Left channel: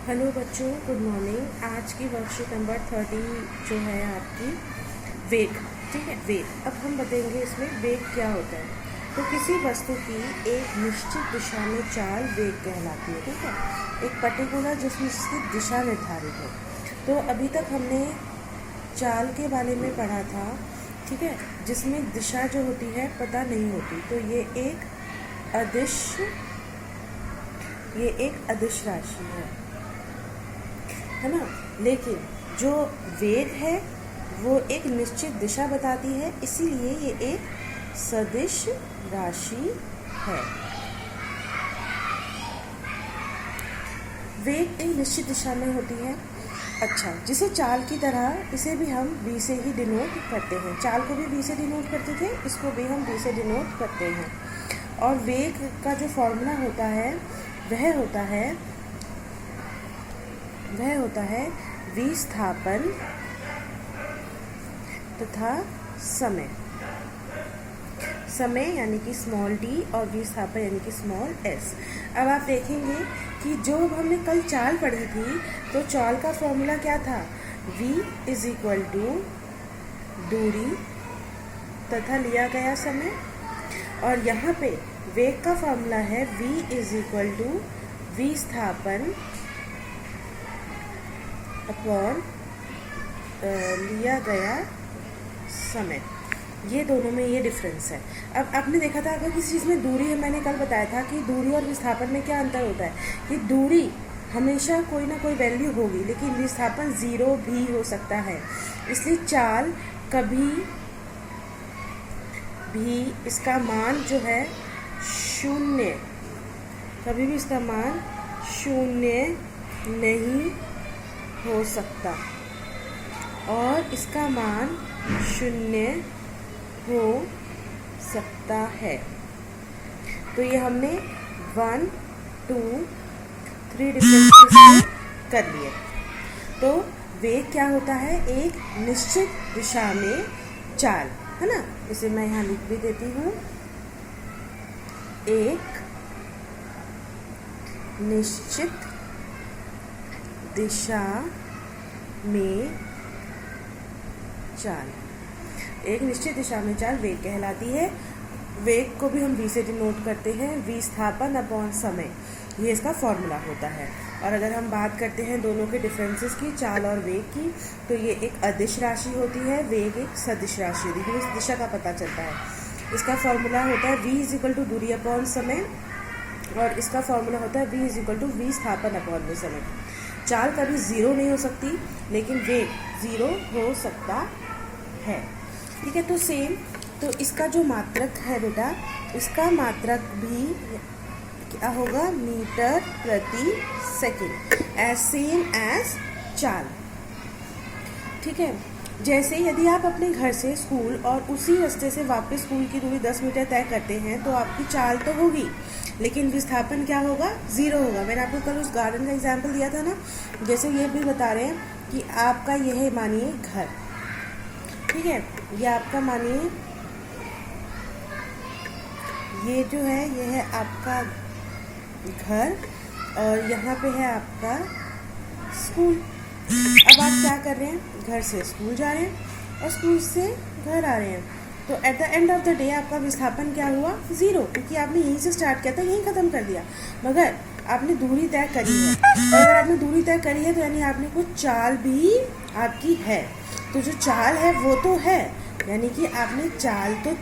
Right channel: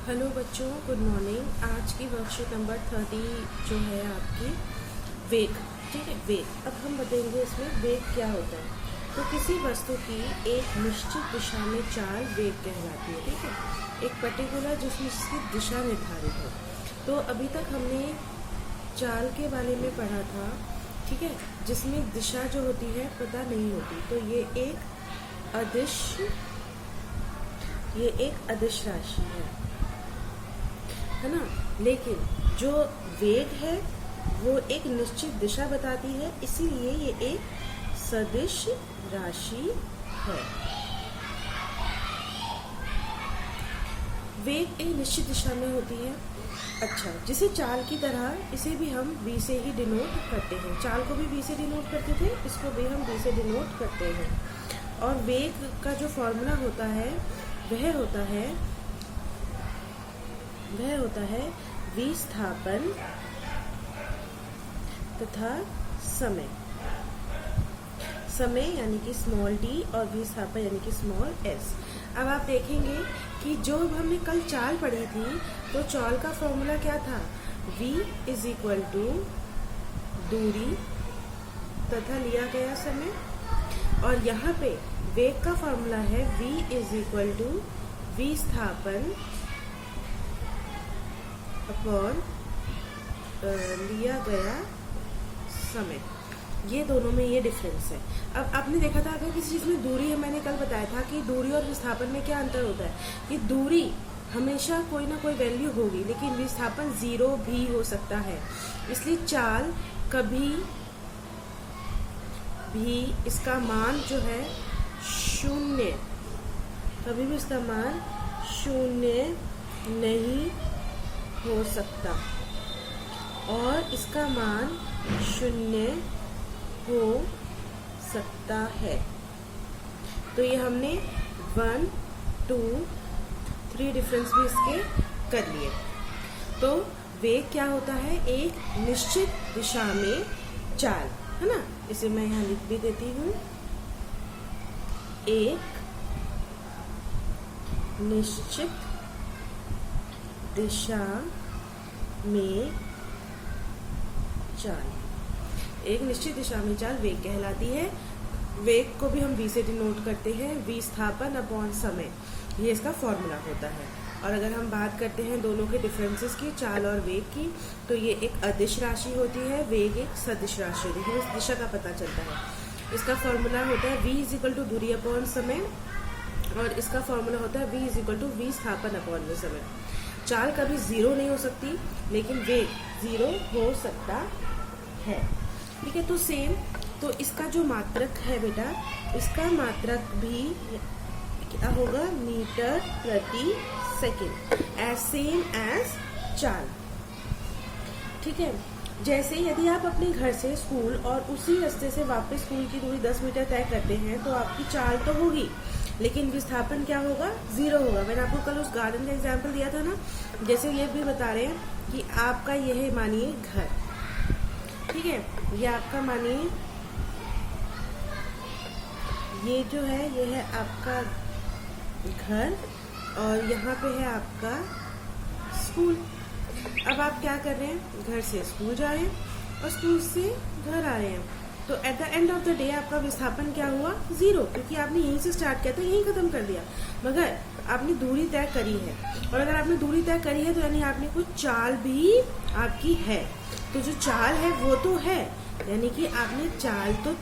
Hello बच्चों, good morning. आज की वर्कशीट नंबर 30 जो है आपकी वेग। ठीक है, वेग। अब हम बताएंगे इसमें वेग क्या होता है। तो किसी वस्तु की एक निश्चित दिशा में चाल वेग कहलाती है। ठीक है, एक पर्टिकुलर जिसकी दिशा निर्धारित हो। तो अभी तक हमने चाल के बारे में पढ़ा था। ठीक है, जिसमें दिशा जो होती है पता नहीं होती। तो ये एक अदिश राशि है ना। लेकिन जो वेग है वो एक निश्चित दिशा बताती है, इसीलिए ये एक सदिश राशि है। वेग एक निश्चित दिशा में होती है। अच्छा, जिसे चाल की तरह इसे भी हम v से ही डिनोट करते हैं। चाल को भी v से डिनोट करते थे, इसको भी हम v से डिनोट करते हैं। और वेग का जो फॉर्मूला होता है वह होता है विस्थापन तथा समय यानी कि स्मॉल d और विस्थापन यानी कि स्मॉल s। अब आप देखेंगे कि जो हमने कल चाल पढ़ी थी, तो चाल का फॉर्मूला क्या था? v इज इक्वल टू दूरी तथा लिया गया समय। और यहाँ पे वेग का फॉर्मूला है v इज इक्वल टू विस्थापन अपॉन लिया गया समय। ये दोनों में ये डिफरेंस है। अब आपने देखा था, अगर किसी चीज़ में दूरी है, मैंने कल बताया था कि दूरी और विस्थापन में क्या अंतर होता है कि दूरी हमेशा कोई ना कोई वैल्यू होगी, लेकिन विस्थापन 0 भी हो सकता है। इसलिए चाल कभी भी इसका मान जो है शून्य, कभी भी इसका मान शून्य नहीं हो सकता, और इसका मान शून्य हो सकता है। तो ये हमने 1, 2, 3 डिफरेंसेस कर लिए। तो वेग क्या होता है? एक निश्चित दिशा में चाल, है ना। इसे मैं यहाँ लिख भी देती हूँ। एक निश्चित दिशा में चाल, एक निश्चित दिशा में चाल वेग कहलाती है। वेग को भी हम v से डिनोट करते हैं, विस्थापन अपॉन समय, ये इसका फॉर्मूला होता है। और अगर हम बात करते हैं दोनों के डिफरेंसेस की, चाल और वेग की, तो ये एक अदिश राशि होती है, वेग एक सदिश राशि होती है। इस दिशा का पता चलता है। इसका फॉर्मूला होता है v इज इक्वल टू दूरी अपॉन समय, और इसका फॉर्मूला होता है v इज इक्वल टू विस्थापन अपॉन में समय। चाल कभी 0 नहीं हो सकती, लेकिन वेग 0 हो सकता है। ठीक है, तो सेम, तो इसका जो मात्रक है बेटा, इसका मात्रक भी क्या होगा? मीटर प्रति सेकंड, एज सेम एज चाल। ठीक है, जैसे यदि आप अपने घर से स्कूल और उसी रास्ते से वापस स्कूल की दूरी 10 मीटर तय करते हैं, तो आपकी चाल तो होगी, लेकिन विस्थापन क्या होगा? 0 होगा। मैंने आपको कल उस गार्डन का एग्जाम्पल दिया था ना। जैसे ये भी बता रहे हैं कि आपका यह मानिए घर, ठीक है, ये आपका मानिए, ये जो है ये है आपका घर, और यहाँ पे है आपका स्कूल। अब आप क्या कर रहे हैं? घर से स्कूल जा रहे हैं और स्कूल से घर आ रहे हैं। तो at the end of the day आपका विस्थापन क्या हुआ? 0, क्योंकि आपने यहीं से स्टार्ट किया था, यहीं ख़त्म कर दिया। मगर आपने दूरी तय करी है, और अगर आपने दूरी तय करी है तो यानी आपने कुछ चाल भी आपकी है। तो जो चाल है वो तो है, यानी कि आपने चाल तो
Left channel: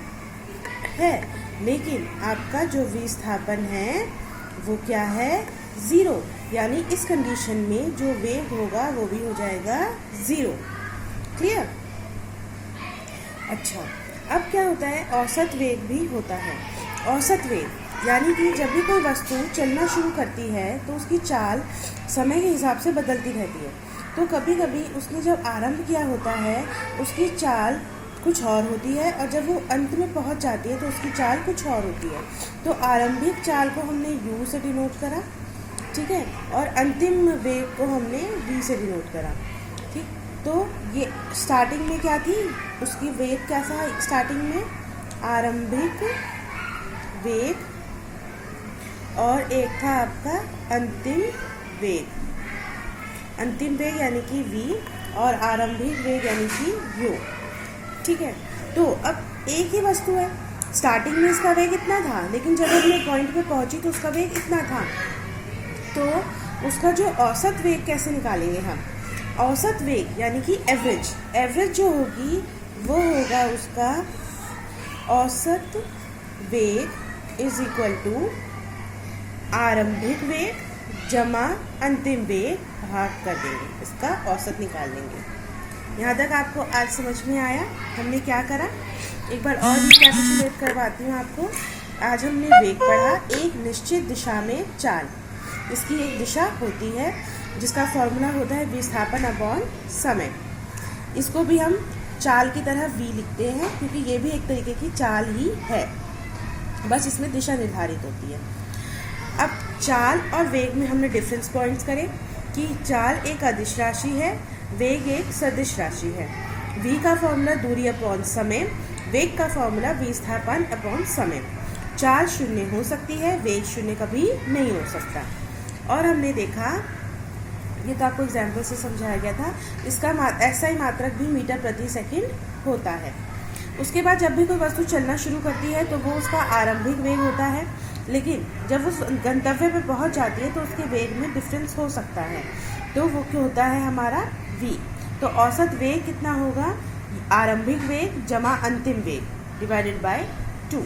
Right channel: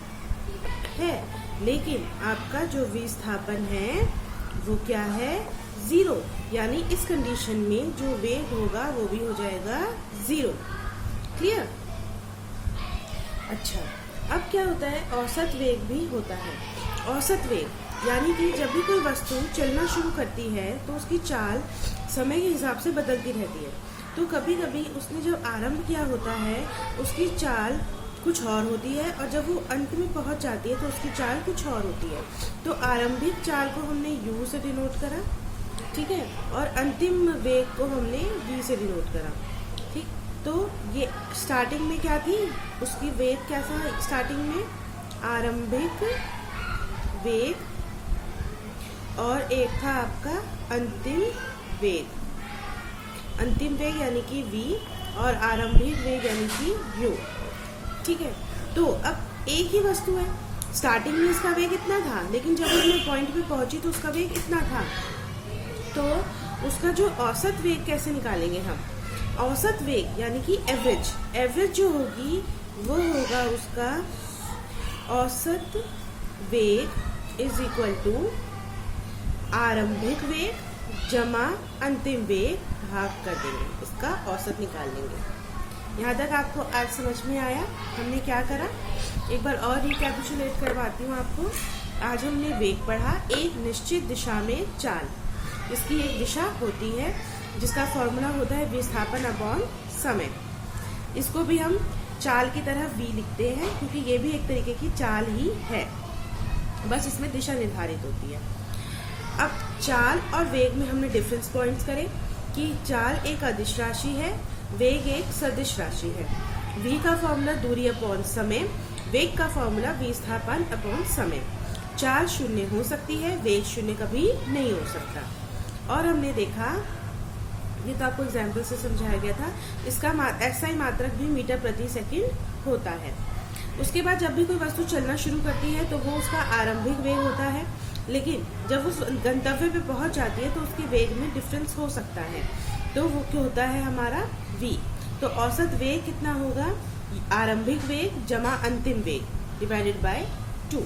है, लेकिन आपका जो विस्थापन है वो क्या है? 0। यानी इस कंडीशन में जो वेग होगा वो भी हो जाएगा 0। क्लियर? अच्छा, अब क्या होता है? औसत वेग भी होता है। औसत वेग यानी कि जब भी कोई वस्तु चलना शुरू करती है तो उसकी चाल समय के हिसाब से बदलती रहती है। तो कभी कभी उसने जब आरंभ किया होता है उसकी चाल कुछ और होती है, और जब वो अंत में पहुंच जाती है तो उसकी चाल कुछ और होती है। तो आरंभिक चाल को हमने u से डिनोट करा, ठीक है, और अंतिम वेग को हमने v से डिनोट करा। ठीक, तो ये स्टार्टिंग में क्या थी? उसकी वेग क्या था स्टार्टिंग में? आरंभिक वेग, और एक था आपका अंतिम वेग। अंतिम वेग यानी कि v और आरंभिक वेग यानी कि u। ठीक है, तो अब एक ही वस्तु है, स्टार्टिंग में इसका वेग इतना था, लेकिन जब अपने पॉइंट पे पहुंची तो उसका वेग इतना था। तो उसका जो औसत वेग कैसे निकालेंगे हम? औसत वेग यानी कि एवरेज जो होगी वो होगा उसका औसत वेग इज इक्वल टू आरंभिक वेग जमा अंतिम वेग भाग कर देंगे, इसका औसत निकाल लेंगे। यहाँ तक आपको आज समझ में आया हमने क्या करा? एक बार और रिकैपिचुलेट करवाती हूँ आपको। आज हमने वेग पढ़ा, एक निश्चित दिशा में चाल, इसकी एक दिशा होती है जिसका फॉर्मूला होता है विस्थापन अपॉन समय। इसको भी हम चाल की तरह v लिखते हैं क्योंकि ये भी एक तरीके की चाल ही है, बस इसमें दिशा निर्धारित होती है। अब चाल और वेग में हमने डिफरेंस पॉइंट्स करे कि चाल एक अदिश राशि है, वेग एक सदिश राशि है। v का फॉर्मूला दूरी अपॉन समय, वेग का फॉर्मूला विस्थापन अपॉन समय। चाल शून्य हो सकती है, वेग शून्य कभी नहीं हो सकता। और हमने देखा, ये तो आपको एग्जाम्पल से समझाया गया था, इसका SI मात्रक भी मीटर प्रति सेकंड होता है। उसके बाद जब भी कोई वस्तु चलना शुरू करती है तो वो उसका आरंभिक वेग होता है, लेकिन जब वो गंतव्य पे पहुंच जाती है तो उसके वेग में डिफरेंस हो सकता है, तो वो क्या होता है हमारा v। तो औसत वेग कितना होगा? आरंभिक वेग जमा अंतिम वेग डिवाइडेड बाय 2।